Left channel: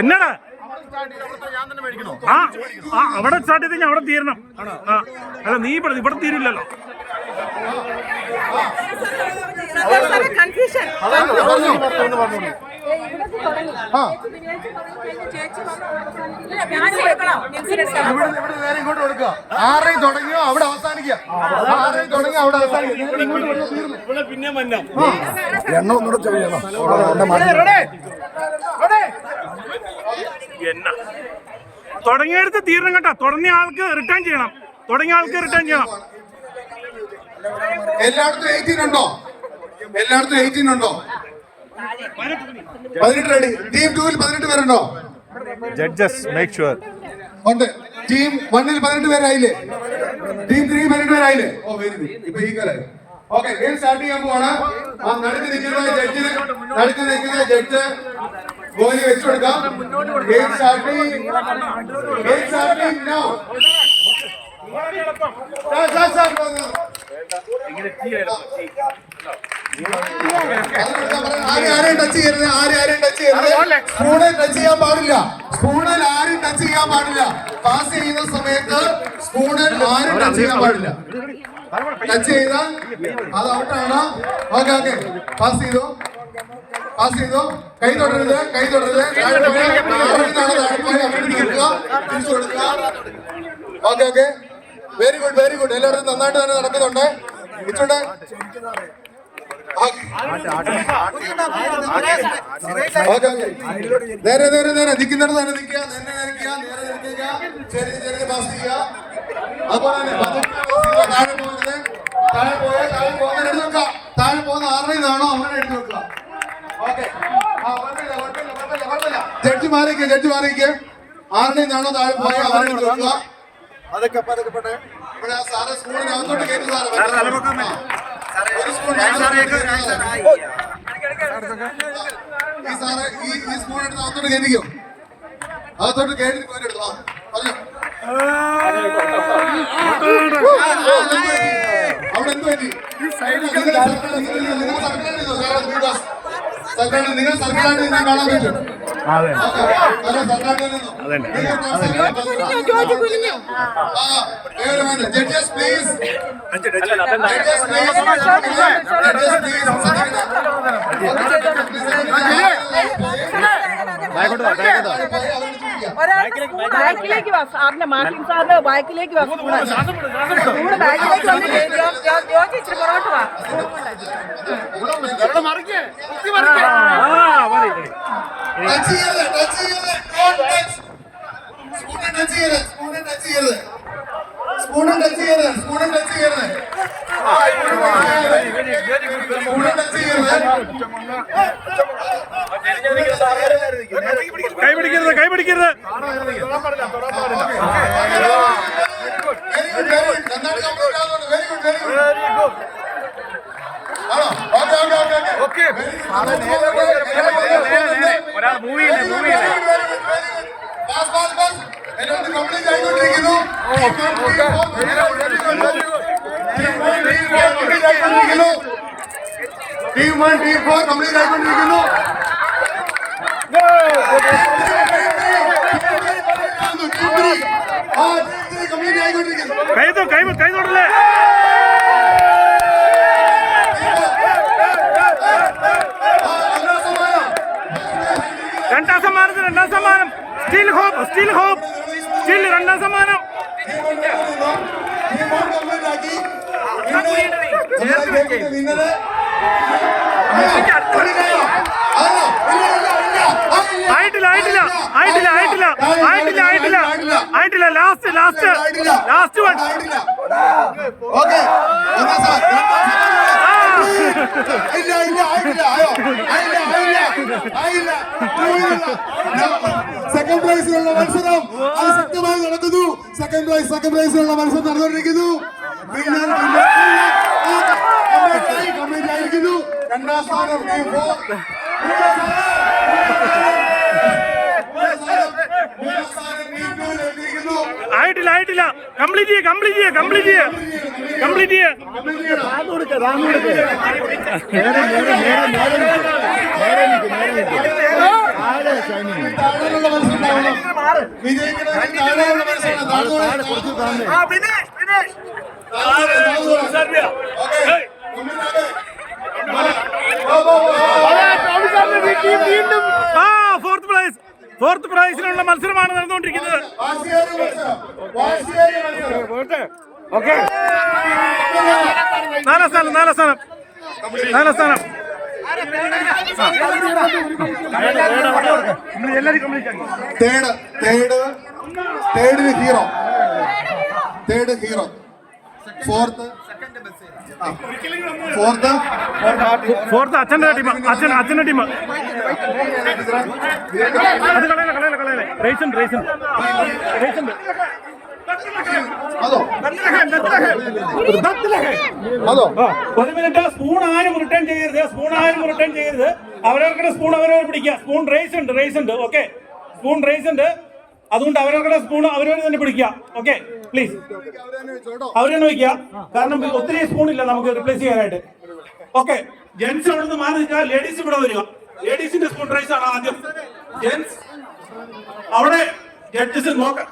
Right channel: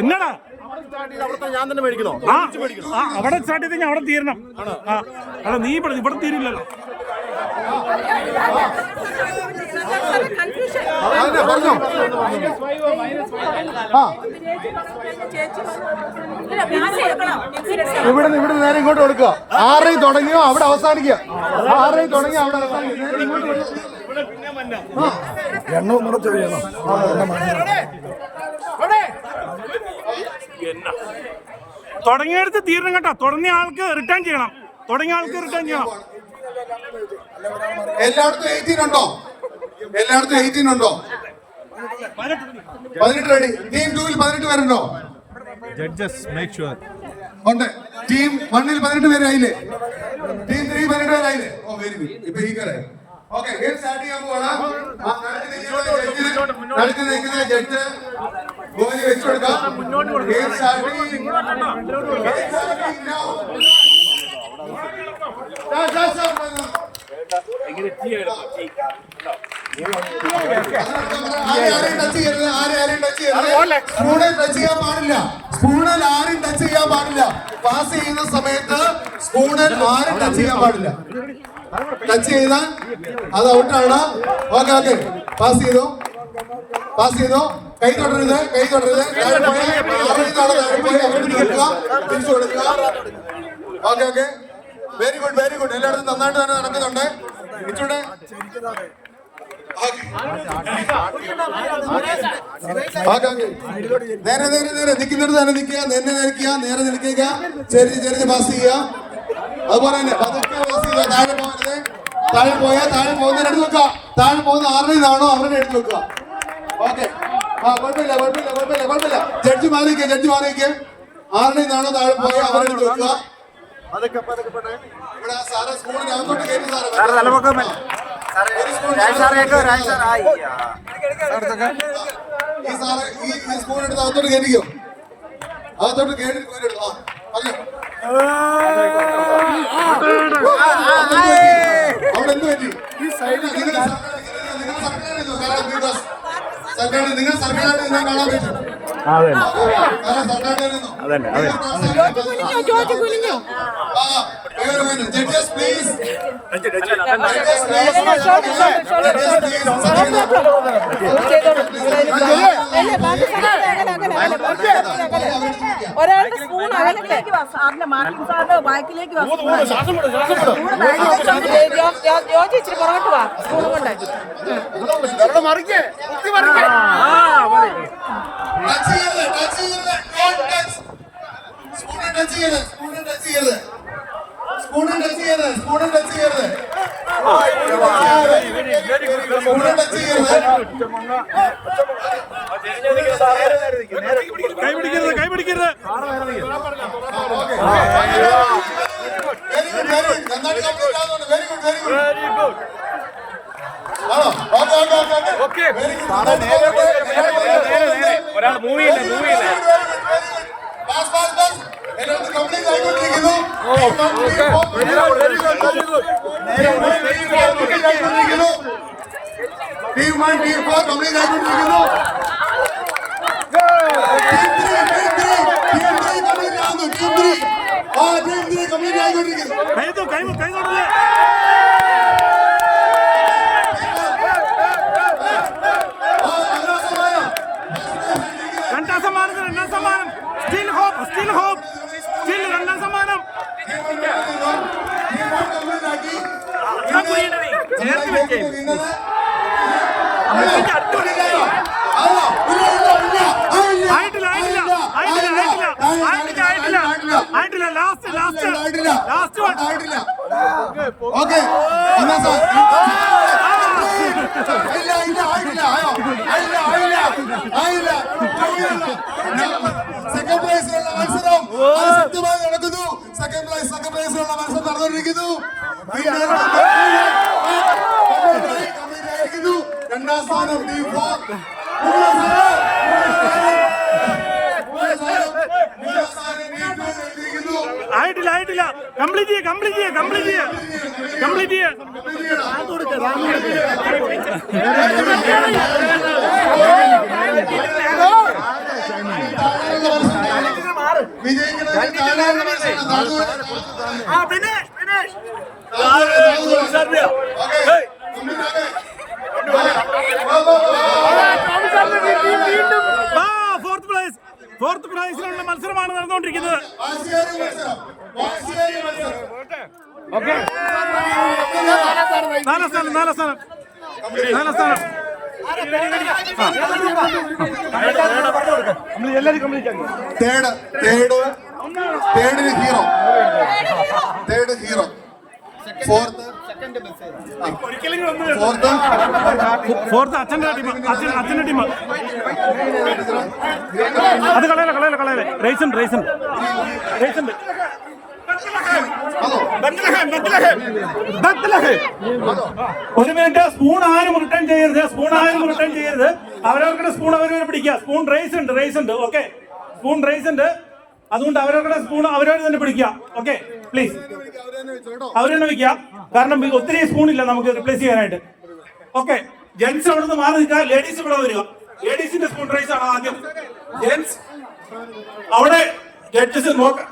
എന്നടാ? ആ ആ അവിടെ സ്റ്റാർട്ട് ചെയ്ത് ഞാൻ അവിടെ തീരണം. ആ അല്ല നീ ഇവിടെ ഇവിടെ തീരില്ലല്ലോ. പറഞ്ഞോ. ആ. ഇവിടെ ഇവിടെ നേരെ ഇങ്ങോട്ട് കൊടുക്കുക. ആറേ തുടങ്ങിയോ അവിടെ അവസാനിക്കുക. ആറേ തുടങ്ങി അവിടെ അവസാനിക്കുക. എണ്ണ ഒന്നുകൂടെ ചെയ്യണം എണ്ണ. മാറ്റി എന്നാ? തുടങ്ങിയെടുത്ത് തീരണം കേട്ടോ. തുടങ്ങിയ ആൾക്ക് റിട്ടേൺ ചെയ്യണം. തുടങ്ങിയ ആൾക്ക് റിട്ടേൺ ചെയ്യണം. എല്ലായിടത്തും എയ്റ്റീൻ ഉണ്ടോ? എല്ലായിടത്തും എയ്റ്റീൻ ഉണ്ടോ? പതിനെട്ട് റെഡി ടീം ടൂവിൽ പതിനെട്ട് പേരുണ്ടോ? ജഡ്ജസ് മേക്ക് ഷുവർ ഉണ്ട്. ടീം വണ്ണിൽ പതിനെട്ട് പേരായില്ലേ? ടീം ത്രീ പതിനെട്ട് പേരായില്ലേ? ഓ വെരി ഗുഡ് ഇപ്പൊ ഈക്വലായി ഓക്കെ ഗെയിം സ്റ്റാർട്ട് ചെയ്യാൻ പോവാണ്. നടുക്ക് നിൽക്കുന്ന ജഡ്ജ് നടുക്ക് നിൽക്കുന്ന ജഡ്ജ് ഗോലി വെച്ചു കൊടുക്കാം. ഗെയിം സ്റ്റാർട്ടിംഗ് ഗെയിം സ്റ്റാർട്ടിംഗ് ആരെയും ടച്ച് ചെയ്യരുത് ആരെയും ടച്ച് ചെയ്യരുത്. സ്പൂണിൽ ടച്ച് ചെയ്യാൻ പാടില്ല. സ്പൂണിൽ ആരും ടച്ച് ചെയ്യാൻ പാടില്ല. പാസ് ചെയ്യുന്ന സമയത്ത് സ്പൂണിൽ ആരും ടച്ച് ചെയ്യാൻ പാടില്ല. ടച്ച് ചെയ്താൽ അത് ഔട്ടാണ് ഓക്കെ ഓക്കെ പാസ് ചെയ്തു. പാസ് ചെയ്തു. കൈ തൊടരുത് കൈ തൊടരുത് തിരിച്ചു കൊടുക്കുക. Okay okay very good very good എല്ലായിടത്തും നന്നായിട്ട് തന്നെ നടക്കുന്നുണ്ട്. നേരെ നേരെ നേരെ. നിൽക്കുന്നിടത്ത് തന്നെ നിൽക്കുക. നേരെ നിൽക്കുക നേരെ നിൽക്കുക. ചെറിയ ചെറിയ പാസ് ചെയ്യുക. അതുപോലെ തന്നെ താഴെ പോകരുത്. താഴെ പോയ താഴെ പോകുന്ന എടുത്ത് വെക്കുക. താഴെ പോകുന്ന ആരുടെ നിന്നാണോ അവരുടെ എടുത്ത് വെക്കുക. ഓക്കെ ആ കുഴപ്പമില്ല കുഴപ്പമില്ല കുഴപ്പമില്ല കുഴപ്പമില്ല. ജഡ്ജി മാറിയിരിക്കുക ജഡ്ജി മാറിയിരിക്കുക. ആരുടെ നിന്നാണോ താഴെ പോയ അവരുടെ എടുത്ത് വെക്കുക. ഇവിടെ സാറ് സ്കൂളിനകത്തോട്ട് കയറ്റി സാറേ. ഈ സാറ് ഈ ഈ സ്പൂൺ എടുത്ത് അകത്തോട്ട് കയറ്റിക്കോ അകത്തോട്ട് കയറ്റി എടുത്തോ അല്ലോ അവിടെ എന്ത് പറ്റി സർക്കാർ നിങ്ങൾ സർക്കാരിൽ ഞാൻ കാണാൻ പറ്റും അതന്നെ അതെ. പ്ലീസ് ജഡ്ജസ് ഒരാളുടെ സ്പൂൺ ബാക്കിലേക്ക് വാ സാറിന്റെ മാർക്കിംഗ് സാറിന്റെ ബാക്കിലേക്ക് വാ ബാക്കിലേക്ക് ഇച്ചിരി പുറകോട്ട് വാ സ്പൂൺ കൊണ്ടാക്കി ടച്ച് ചെയ്യരുത് ടച്ച് ചെയ്യരുത് സ്പൂണിൽ ടച്ച് ചെയ്യരുത് സ്പൂണിൽ ടച്ച് ചെയ്യരുത് സ്പൂണിൽ ടച്ച് ചെയ്യരുത് സ്പൂണിൽ ടച്ച് ചെയ്യരുത് സ്പൂണിൽ ടച്ച് ചെയ്യരുത് കൈ പിടിക്കരുത് കൈ പിടിക്കരുത് വെരി ഗുഡ് വെരി ഗുഡ് നന്നായിട്ട് കളിക്കാവുന്നുണ്ട് very good very good okay okay okay okay very good ഒരാൾ മൂവ് ചെയ്യില്ലേ മൂവ് ചെയ്യില്ലേ പാസ് പാസ് പാസ് എല്ലാവരും complete ആയിക്കൊണ്ടിരിക്കുന്നു team one team four complete ആയിക്കൊണ്ടിരിക്കുന്നു ആ ടീം ത്രീ കംപ്ലീറ്റ് ആയിക്കൊണ്ടിരിക്കുന്നു കൈ തൊ- കൈ സ്റ്റീൽ രണ്ടാം സമ്മാനം. ആയിട്ടില്ല ആയിട്ടില്ല ആയിട്ടില്ല ആയിട്ടില്ല ആയിട്ടില്ല ആയിട്ടില്ല ആയിട്ടില്ല last last last one okay ഇല്ല ഇല്ല ആയില്ല ആയോ? ആയില്ല ആയില്ല ആയില്ല. സെക്കൻഡ് പ്രൈസിലുള്ള മത്സരം. അത് ശക്തമായി നടക്കുന്നു. സെക്കൻഡ് പ്രൈസ് സെക്കൻഡ് പ്രൈസിലുള്ള മത്സരം നടന്നുകൊണ്ടിരിക്കുന്നു. ആയിരിക്കുന്നു. രണ്ടാം സ്ഥാനം ടീം ഫോർ ആയിട്ടില്ല ആയിട്ടില്ല. കംപ്ലീറ്റ് ചെയ്യ കംപ്ലീറ്റ് ചെയ്യ കംപ്ലീറ്റ് ചെയ്യ. കംപ്ലീറ്റ് ചെയ്യ പിന്നെ ആ ഫോർത്ത് പ്രൈസ് ഫോർത്ത് പ്രൈസിനുള്ള മത്സരമാണ് നടന്നുകൊണ്ടിരിക്കുന്നത്. ഓക്കെ. നാലാം സ്ഥാനം നാലാം സ്ഥാനം. നാലാം സ്ഥാനം. Third third തേടിന് hero. Third hero. Fourth. Fourth. Fourth അച്ഛന്റെ ടീം അച്ഛൻ അച്ഛന്റെ ടീം അത് കളയല കളയല കളയല റേസ് ഉണ്ട് റേസ് ഉണ്ട് റേസ് ഉണ്ട് അതോ അതോ ഒരു മിനിറ്റ് സ്പൂൺ ആരും റിട്ടേൺ ചെയ്യരുത് സ്പൂൺ ആരും റിട്ടേൺ ചെയ്യരുത്. അവരവരുടെ സ്പൂൺ അവരവർ പിടിക്കുക. സ്പൂൺ റേസ് ഉണ്ട് റേസ് ഉണ്ട് ഓക്കെ സ്പൂൺ റേസ് ഉണ്ട്. അതുകൊണ്ട് അവരവരുടെ സ്പൂൺ അവരവർ തന്നെ പിടിക്കുക ഓക്കെ പ്ലീസ് അവർ തന്നെ വയ്ക്കുക കാരണം ഒത്തിരി സ്പൂൺ ഇല്ല നമുക്ക് റിപ്ലേസ് ചെയ്യാനായിട്ട്. ഓക്കെ ജെന്റ്സ് അവിടെ നിന്ന് മാറി നിൽക്കുക. ലേഡീസ് ഇവിടെ വരിക. ലേഡീസിന്റെ സ്പൂൺ റേസ് ആണ് ആദ്യം. ജെന്റ്സ് അവിടെ ജഡ്ജസ് നോക്കാം.